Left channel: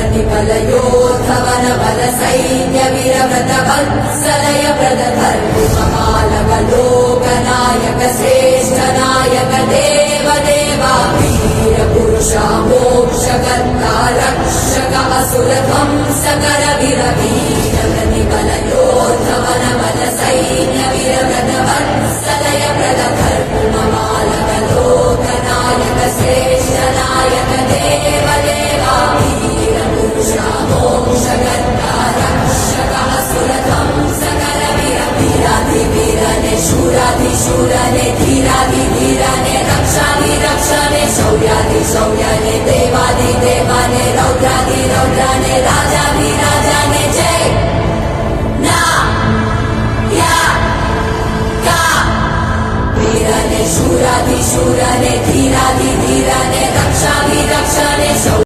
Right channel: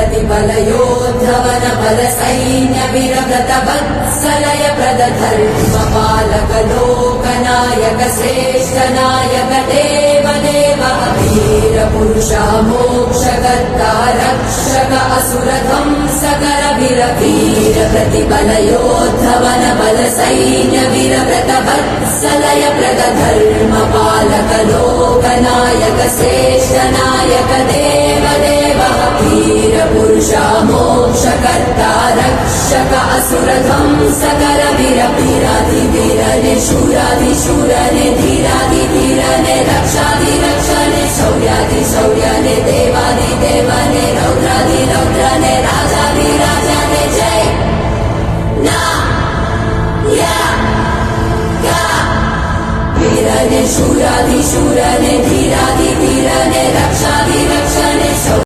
प्रतिफलयोद्धवन बल सैन्य वीरव्रत वत्सलय प्रद धर्म पालक लोकनायक श्रेष्ठ नायक देव देवा वीर पुरुषा मोक्षकर्ता रक्षक असुर ध्वंसकर वीर वीर प्रतिफलयोद्धवन बल सैन्य वीरव्रत वत्सलय प्रद धर्म पालक लोकनायक श्रेष्ठ नायक देव देवा वीर पुरुषा मोक्षकर्ता रक्षक असुर ध्वंसकर वीर वीराधिवीर निशूराधिशूर धीराधिधीर रक्षाधिरक्षण शौर्याधिशौर्य देवाधिदेव रौद्राधिरौद्र राजाधिराज जय ना या वीर निशूराधिशूर